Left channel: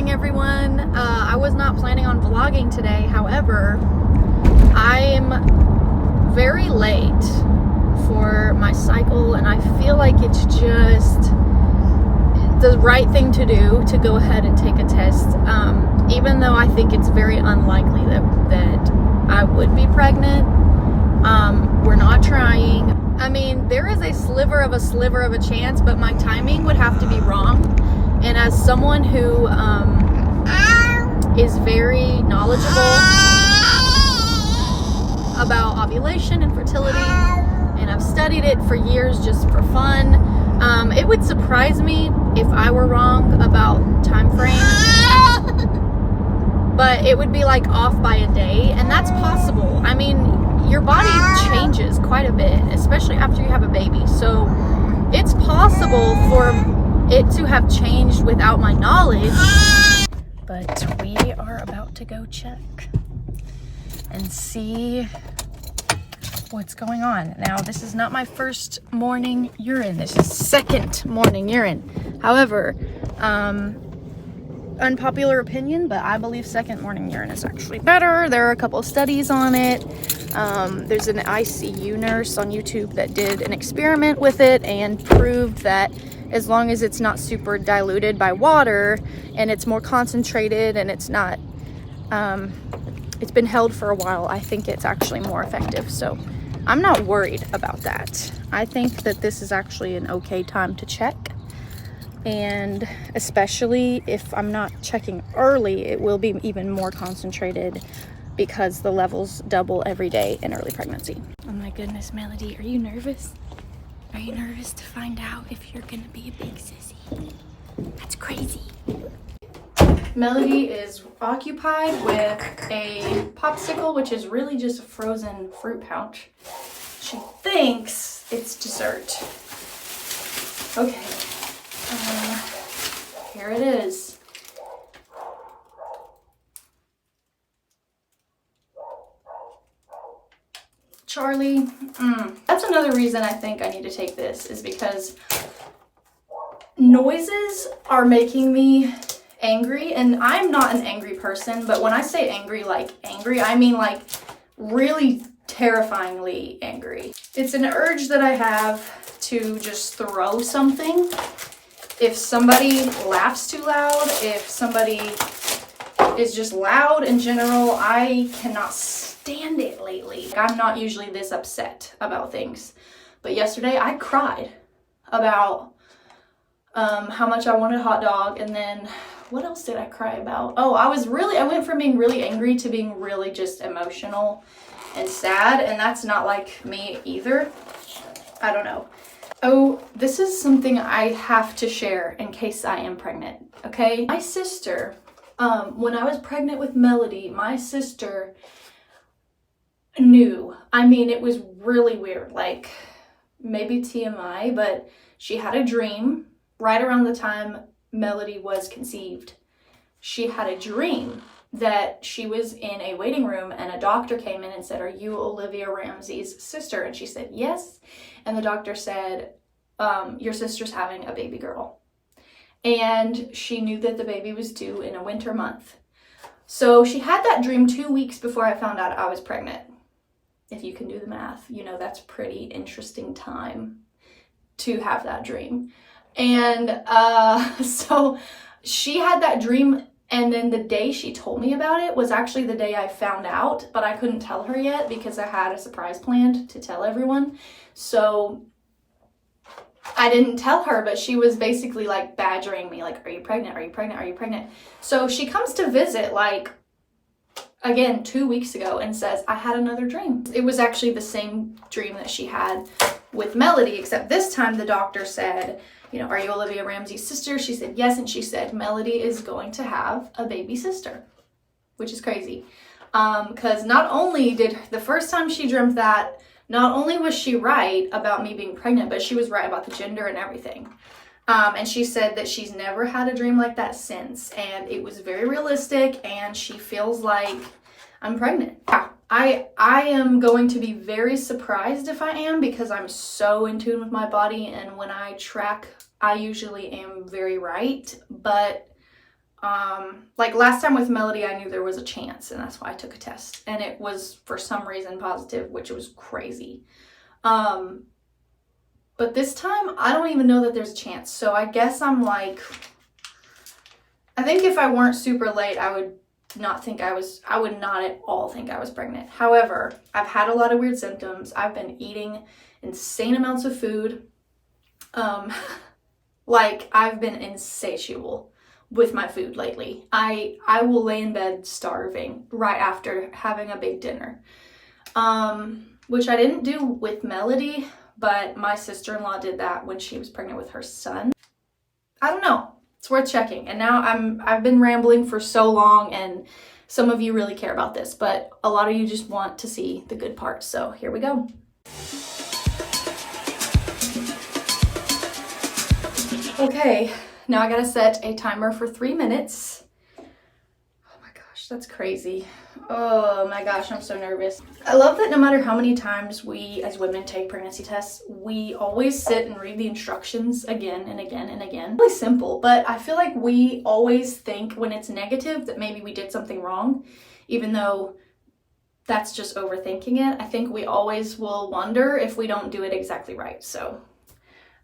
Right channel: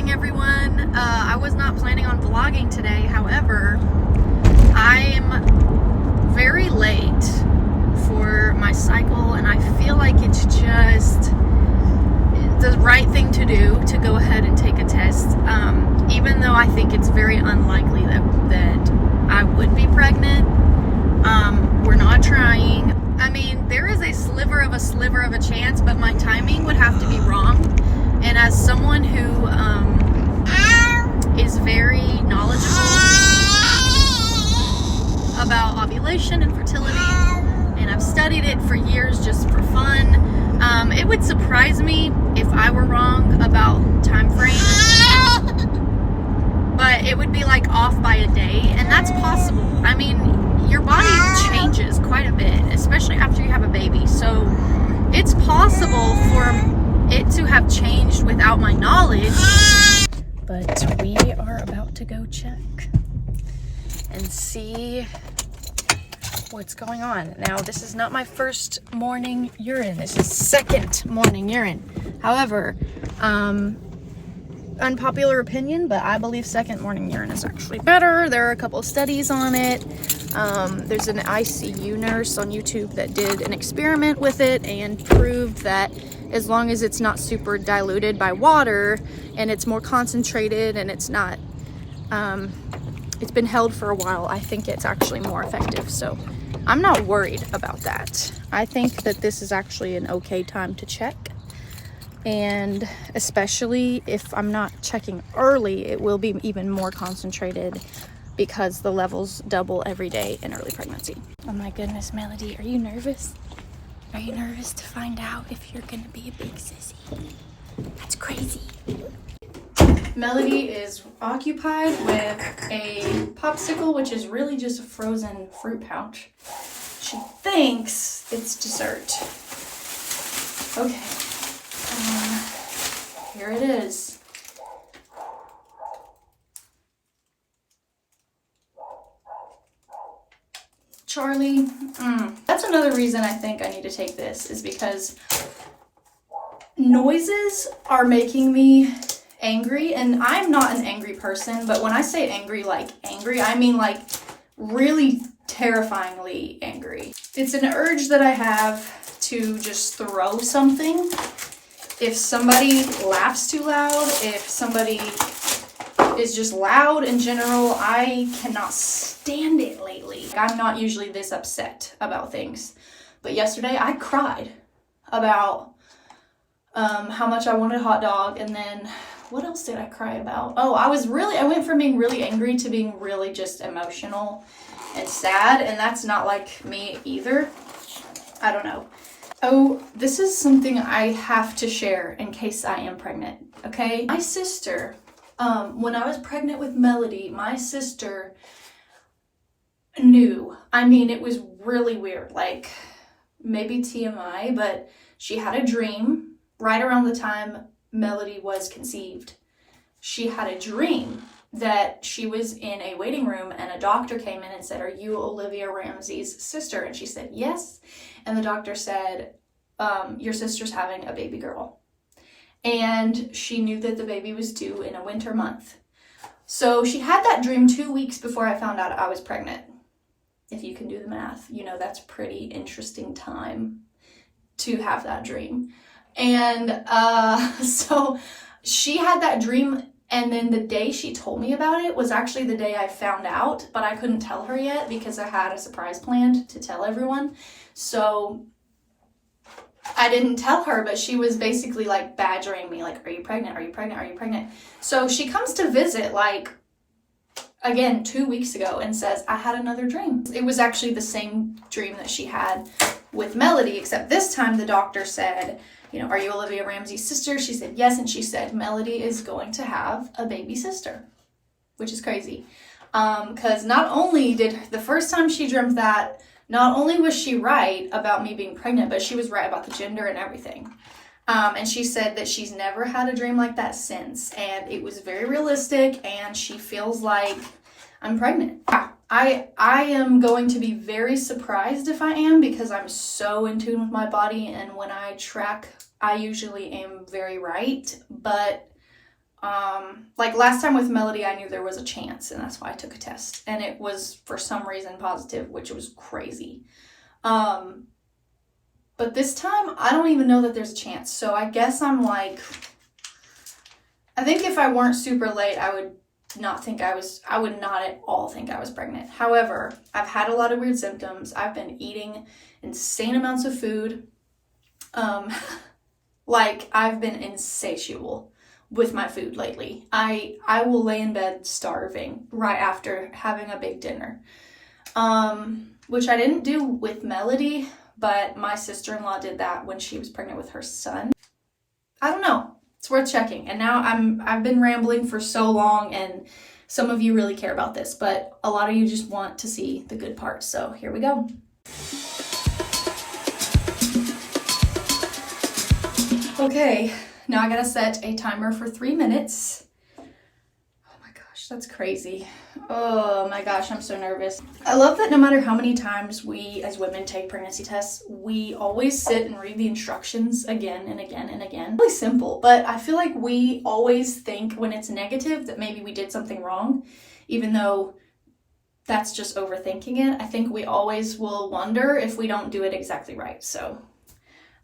morning, everyone. I was not planning on vlogging today. However, I'm very late for my cycle, and I feel like it's just the right thing to do to go ahead and take a test. Even though I think it's very unlikely that I would be pregnant. We're not trying. I mean, there is a sliver of a chance, but my timing would have to be wrong. And as someone who is very knowledgeable about ovulation and fertility, and I've studied it for years just for fun, it would surprise me if I were wrong about time frame. But it would be like off by a day, and that's possible. I mean, your body changes quite a bit, especially after you have a baby. So it's possible for it to have changed without my knowledge. But we are about to go check and see what's going on. Now, this is not my first morning urine. This is second morning urine. However, unpopular opinion, but I believe second morning urine is actually better. There are a couple of studies on it. There's an ICU nurse on YouTube that did an experiment with it and proved that as long as it's not super diluted by water and it's more concentrated and it's not, it's been held for a while, I think it's actually more effective. So I'm not worried about that. I think that this is actually an okay time to check. And especially if I'm not checking early, it will be even more concentrated because the levels double every day in early pregnancy. Oh my goodness, Melody, are you nervous? Are you nervous to find out if you're gonna be a big sissy? That's crazy. Melody is occupied with a popsicle, which is really just a frozen fruit pouch. She thinks it's dessert. Okay. Here it is. Charlie, that's another reason I think I need to take this, is because noises are making me angry, and I'm not an angry person, but when I say angry, I mean like really terrifyingly angry. It's an urge that I have to just throw something. If somebody laughs too loud, if somebody is just loud in general, I cannot stand it lately. I'm not usually this upset about things, but yesterday I cried about how much I wanted a hot dog, and then what else did I cry about? Oh, I went from being really angry to being really just emotional and sad, and that's not like me either. I don't know. Oh, this is something I have to share in case I am pregnant, okay? My sister, when I was pregnant with Melody, my sister knew. I mean, it was really weird, like maybe TMI, but she had a dream right around the time Melody was conceived. She had a dream that she was in a waiting room and a doctor came in and said, "Are you Olivia Ramsey's sister?" And she said, "Yes." And the doctor said, "Your sister's having a baby girl." And she knew that the baby was due in a winter month. So she had that dream 2 weeks before I found out I was pregnant. If you can do the math, you know, that's a pretty interesting time to have that dream. And so she had that dream, and then the day she told me about it was actually the day I found out, but I couldn't tell her yet because I had a surprise planned to tell everyone. So I didn't tell her, but she was basically like badgering me, like, "Are you pregnant? Are you pregnant? Are you pregnant?" So she comes to visit like, again, 2 weeks ago and says, "I had another dream." It was actually the same dream that she had with Melody, except this time the doctor said, you know, "Are you Olivia Ramsey's sister?" She said yes, and she said Melody is going to have a baby sister, which is crazy. Because not only did the first time she dreamt that, not only was she right about me being pregnant, but she was right about the gender and everything. And she said that she's never had a dream like that since, and it was very realistic, and she feels like I'm pregnant. Yeah, I am going to be very surprised if I am, because I'm so in tune with my body, and when I track, I usually am very right, but Like last time with Melody, I knew there was a chance, and that's why I took a test, and it was for some reason positive, which was crazy. But this time I don't even know that there's a chance. So I guess I'm like, I think if I weren't super late, I would not at all think I was pregnant. However, I've had a lot of weird symptoms. I've been eating insane amounts of food. Like I've been insatiable with my food lately. I will lay in bed starving right after having a big dinner. Which I didn't do with Melody, but my sister-in-law did that when she was pregnant with her son. I don't know. It's worth checking. And now I've been rambling for so long, and some of you really care about this, but a lot of you just want to see the good parts. So here we go. Okay, now I gotta set a timer for 3 minutes. Oh my gosh, that's crazy. Oh my gosh, I'm so nervous. I love that no matter how many times we as women take pregnancy tests, we always sit and read the instructions again and again and again. Really simple, but I feel like we always think when it's negative that maybe we did something wrong, even though that's just overthinking it. I think we always will wonder if we don't do it exactly right. So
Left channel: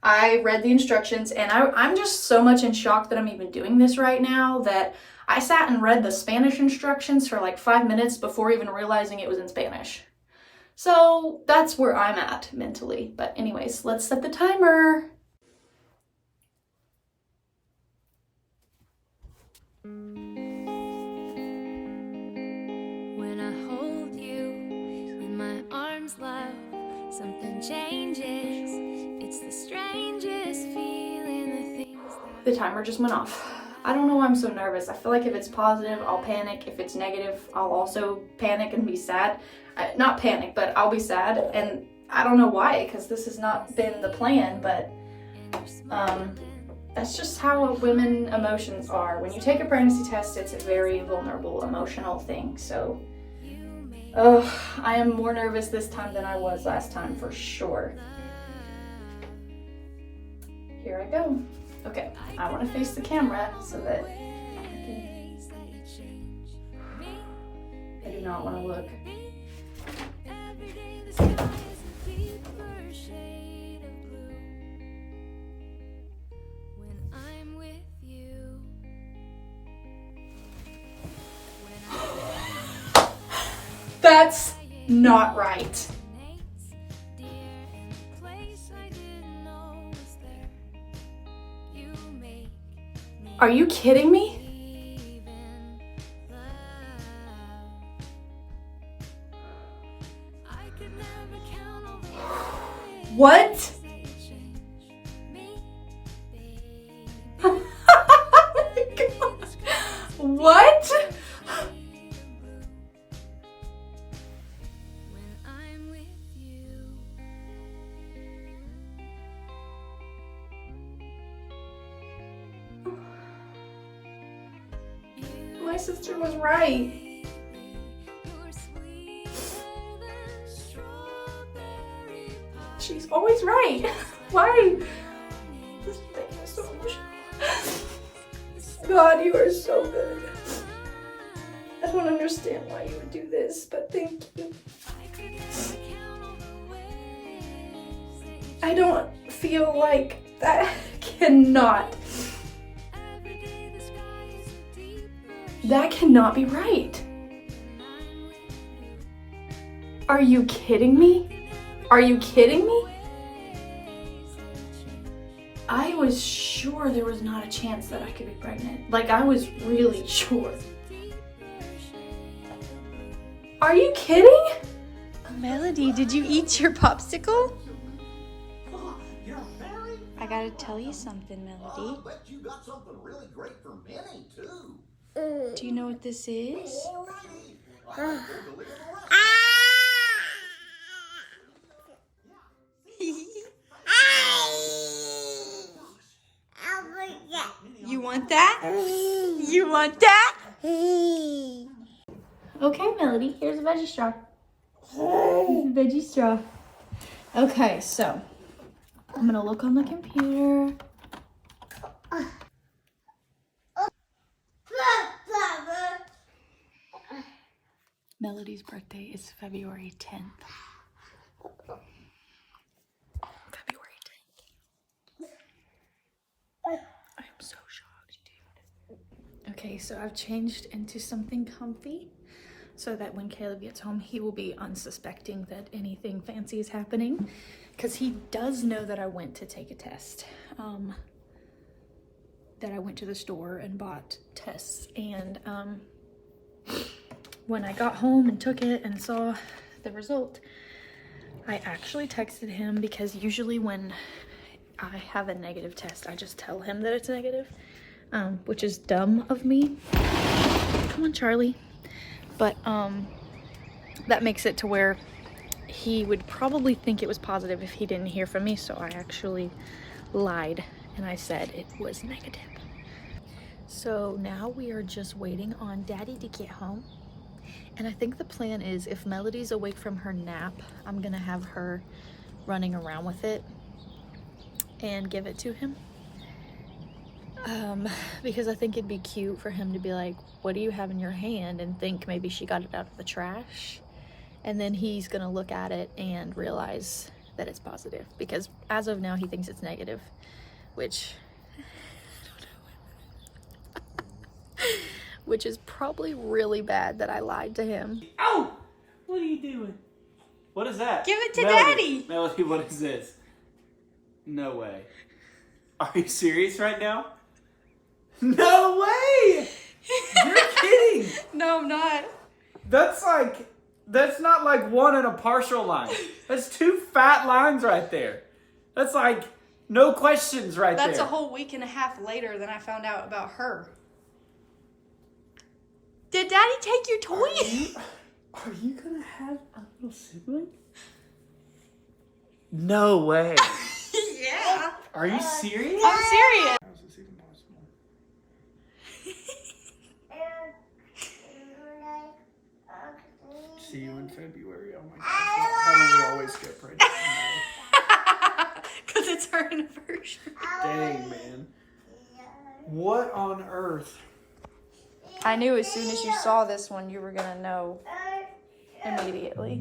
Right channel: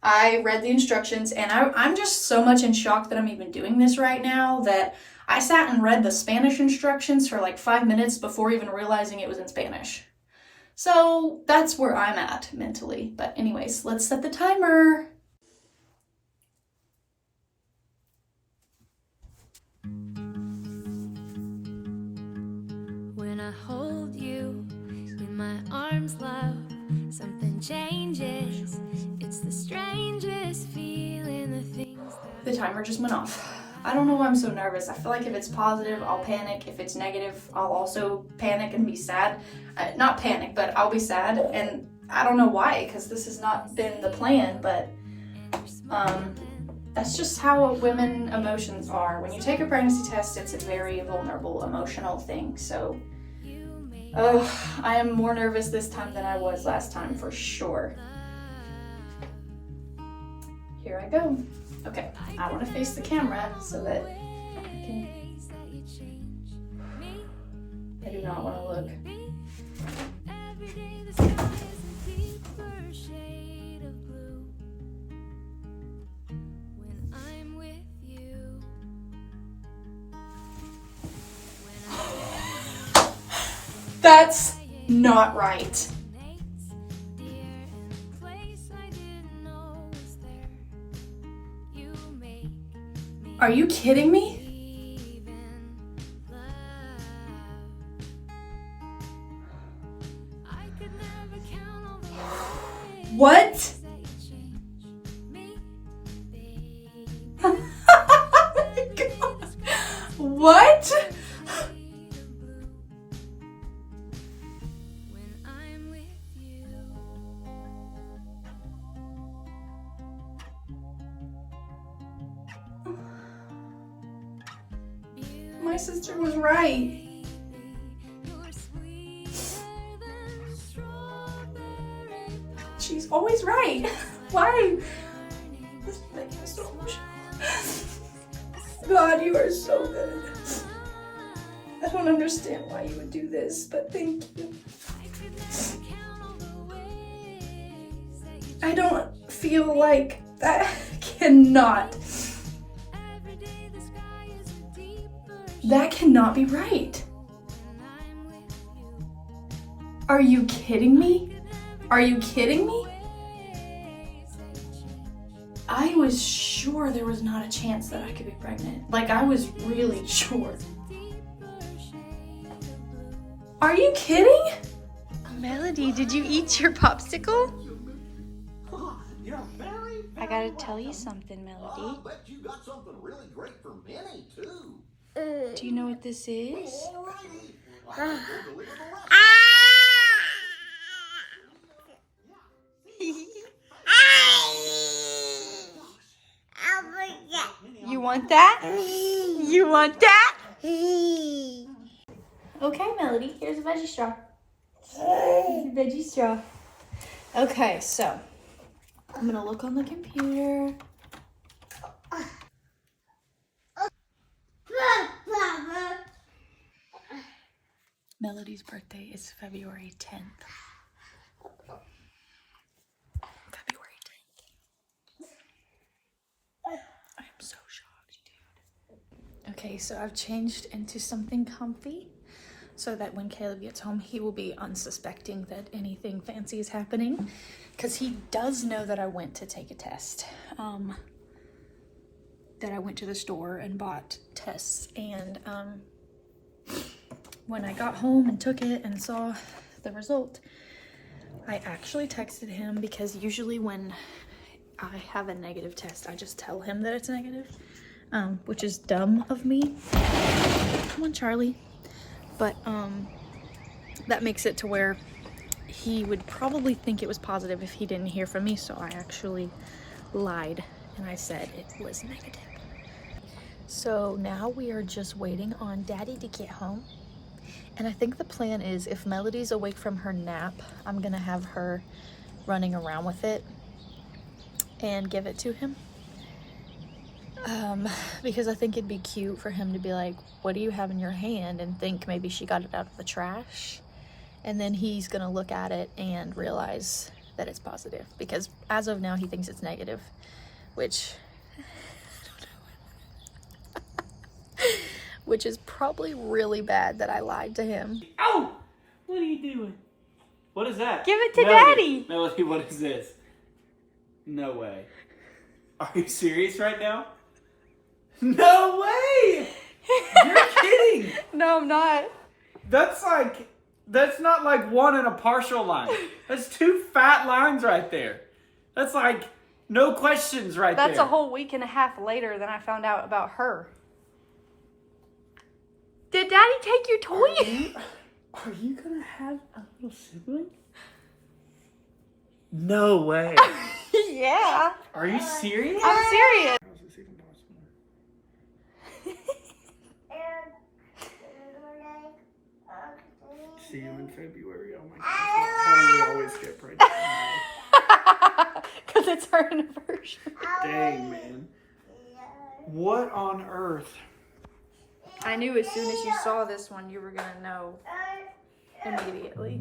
I read the instructions, and I'm just so much in shock that I'm even doing this right now that I sat and read the Spanish instructions for like 5 minutes before even realizing it was in Spanish. So that's where I'm at mentally. But anyways, let's set the timer. When I hold you in my arms, love, something changes. It's the strangest feeling, the things that... The timer just went off. I don't know why I'm so nervous. I feel like if it's positive, I'll panic. If it's negative, I'll also panic and be sad. Not panic, but I'll be sad. And I don't know why, because this has not been the plan, but that's just how women emotions are. When you take a pregnancy test, it's a very vulnerable, emotional thing. So I am more nervous this time than I was last time for sure. Here I go. Okay, I want to face the camera so that I do not want to look. Every day the sky is a deeper shade of blue. When I'm with you. That's not right. Are you kidding me? What? Oh my God. What? My sister was right. She's always right. Why? Thank you so much. God, you are so good. I don't understand why you would do this, but thank you. I don't feel like that cannot be right. Are you kidding me? Are you kidding me? I was sure there was not a chance that I could be pregnant. Like, I was really sure. Are you kidding? Melody, did you eat your popsicle? I gotta tell you something, Melody. I bet you got something really great for Minnie, too. Do you know what this is? You want that? You want that? Okay, Melody, here's a veggie straw. Here's a veggie straw. Okay, so I'm gonna look on the computer. Melody's birthday is February 10th. February 10th. I am so shocked, dude. Okay, so I've changed into something comfy so that when Caleb gets home, he will be unsuspecting that anything fancy is happening, because he does know that I went to take a test. That I went to the store and bought tests, and when I got home and took it and saw the result, I actually texted him, because usually when I have a negative test, I just tell him that it's negative, which is dumb of me. Come on, Charlie. But that makes it to where he would probably think it was positive if he didn't hear from me, so I actually lied and I said it was negative. So now we are just waiting on Daddy to get home. And I think the plan is, if Melody's awake from her nap, I'm gonna have her running around with it and give it to him. Because I think it'd be cute for him to be like, what do you have in your hand? And think maybe she got it out of the trash. And then he's gonna look at it and realize that it's positive. Because as of now, he thinks it's negative, which which is probably really bad that I lied to him. Ow! What are you doing? What is that? Give it to Melody. Daddy! Melody, what is this? No way. Are you serious right now? No way! You're kidding! No, I'm not. That's not like one and a partial line. That's 2 fat lines right there. That's like no questions right there. That's a whole week and a half later than I found out about her. Did Daddy take your toy? Are you gonna have a little sibling? No way. Yeah. Are you serious? I'm serious. How is this even possible? See you in February. Oh my gosh. How do we always get pregnant? Because it's her anniversary. Dang, man. What on earth? I knew as soon as you saw this one, you were going to know immediately.